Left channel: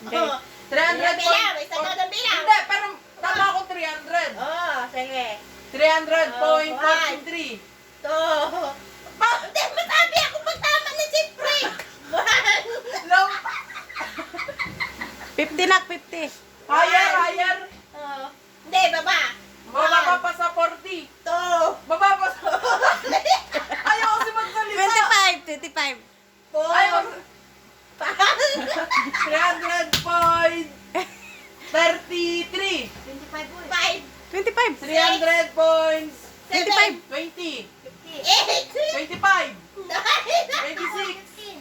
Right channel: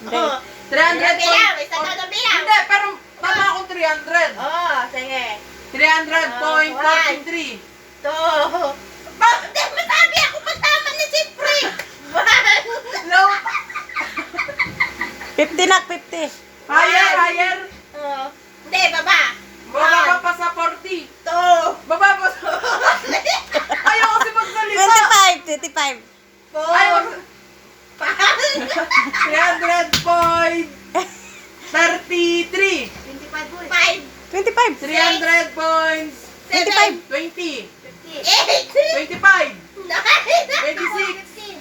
Oh, 300 bilang, isa daw ng bilang. Hindi, pero tama akong 300. Oh, sige. 300.43. Two. Hindi, masabi ako pagtama ni Sipre. No. 50 nak, 50. Higher, higher. Hindi, baba. Baba pa sa 40. Two. Baba pa sa... Ayaw kasi magsalita. 25, 25. Four. Ayaw. Five. 300.33. 5. 25. 300 points. 25. 20. 8. 25. 26.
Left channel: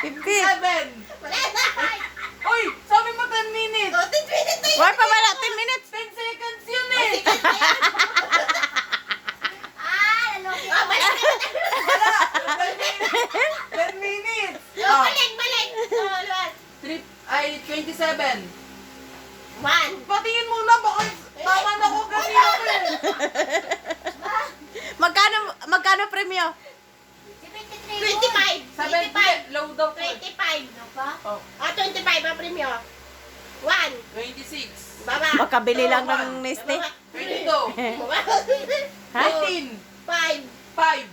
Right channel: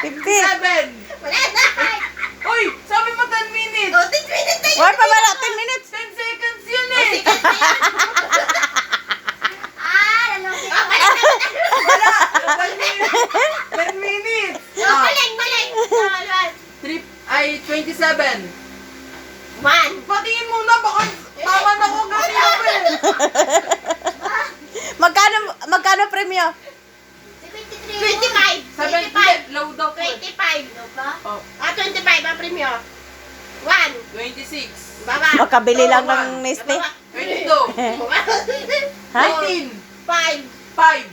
50. 7. Wala na. Uy, sabi mo 10 minutes. 10 minutes na yun. Wala pa ba? 10 minutes. 10 seconds yun eh. Lalaki. 10 minutes. Maling. 27. 1. Patingin muna, baka tama na ko kasi ako eh. Magkano premyo? 25. 7, low daw ko. 25. Oh, 25 ang premyo. 1. 26. Baba. Makabili lang ng Nestle. 22. Ha? 19. 5. 5.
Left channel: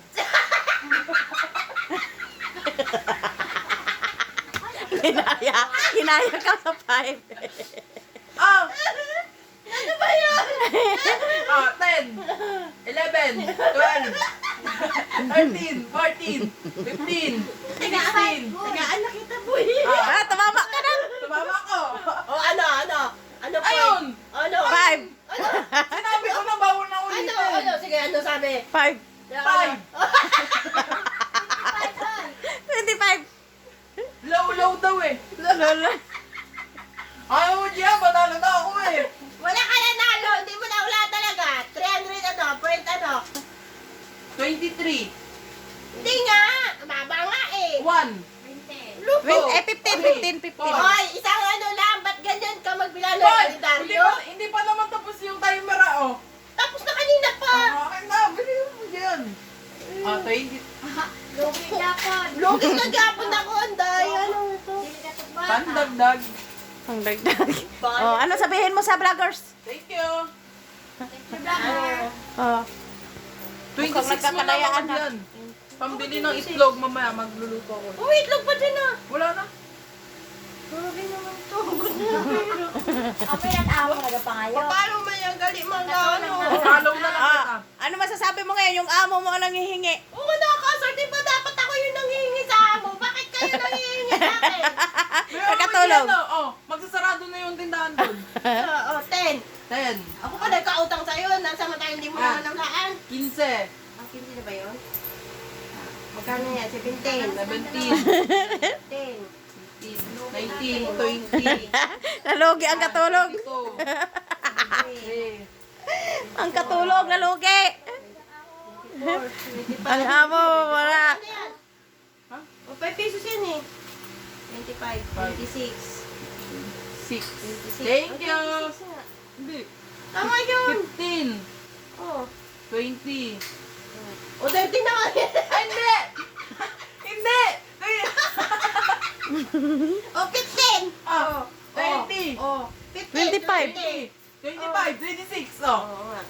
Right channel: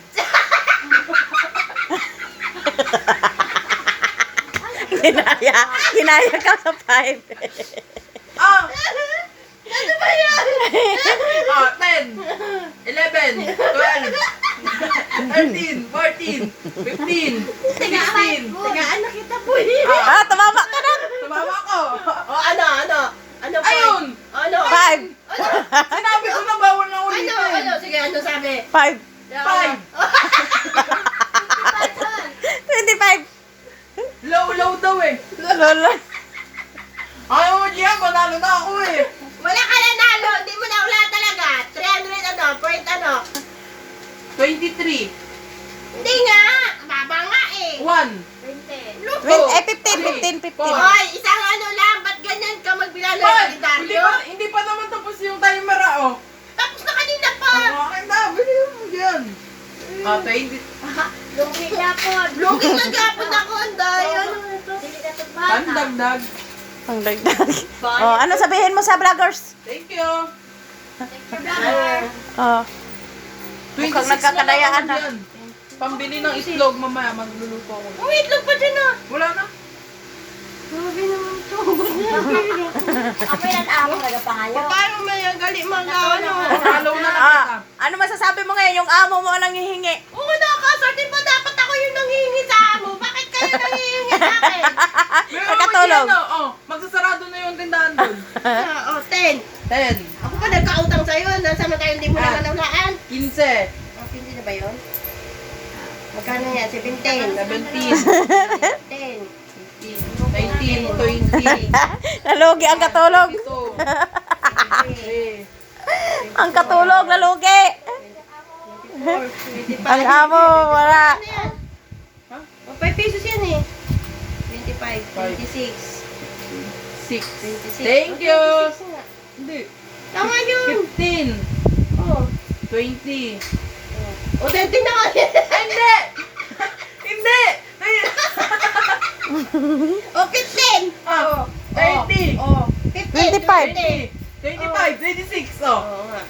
Hinaya ka sa 5. Ah! Ano ba yun? Oh, 10. 11. 12. 13. 14. 15. 16. Tagaan na kita po eh. Tumama ka na. Tumama ko. O ano? Ano pa? Ayun. Ano? 5. Sinabi ko na bawal na Ano? ulitin. Sige, ano sabi? 5. 5. 25. Low daw eh. Lolo. Ayaw mo diyan, panalo na ako eh. Wala ka na nalo. Hindi mo na wala talaga. 300 ano? Point ano? 23. Hindi nga. Baba nga eh. 1. 20. 15. Hoy, isang ano lang. Ba't ganyan ka magbilang ng Hindi kalendaryo? hindi pa naman tapos yung timer ah. Tapos na kanina pa. Akin na, bilhin mo yan. 20. Lugi na po. Lugi na gapon ako. Anday. Ano ito? Pandagdag. Ang dagdag. Oh, ano sabihin mo sa vloggers? Thank you. Oh. 26 Mukhang nagkakadayaan na. na. Yan. Pambili ng itlog mamaya magluluto ko. Wait lang pa dyan ah. Wala na. Grabe naman to. Ako yan ako nagapangayaw. Paano may ang gali mga ano? Follow na lang kita. Ano masasabi mo ngayon? Yung amo mo ang hihingi. Oo, nakakasort. Di ba dapat ako yung nanghihingi sa amo? Bakit kayo nanghihingi sa akin? Meron Pagkatulog. mo dyan, oh. Magsasarado na yung tindahan doon. 10. 10. Ako pa nagkautang sa'yo. Nasamantala hindi mo naman naulaan. 15. Hindi na ba yun? Magkano yan? 17. 17. 10. 19. 20. Nalugi ang katulog. 22. Ang katulog, nalugi. 25. Ang amo, wala. Ano yan? O, 5 pesos yan eh. 25, 26, 6. 26. Thank you. 26 nga. Hindi. Tama yun. 15. Oo. 20. O, 20 na nga. Hindi! Hindi! O, 15. Oh, 30. O, 15. 25. 20. 25, 26. Oh. Oo nga.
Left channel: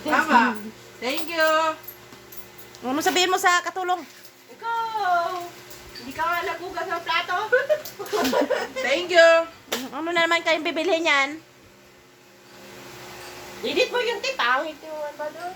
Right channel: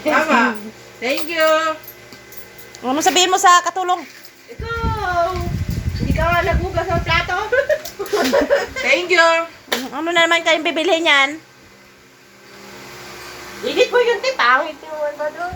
Tama. Thank you. Ano sabihin mo sa katulong? Ikaw. Hindi ka nga nagugas ng plato. Thank you. Ano na naman kayong bibili niyan? Edit mo yung tip. Pangit naman ba doon?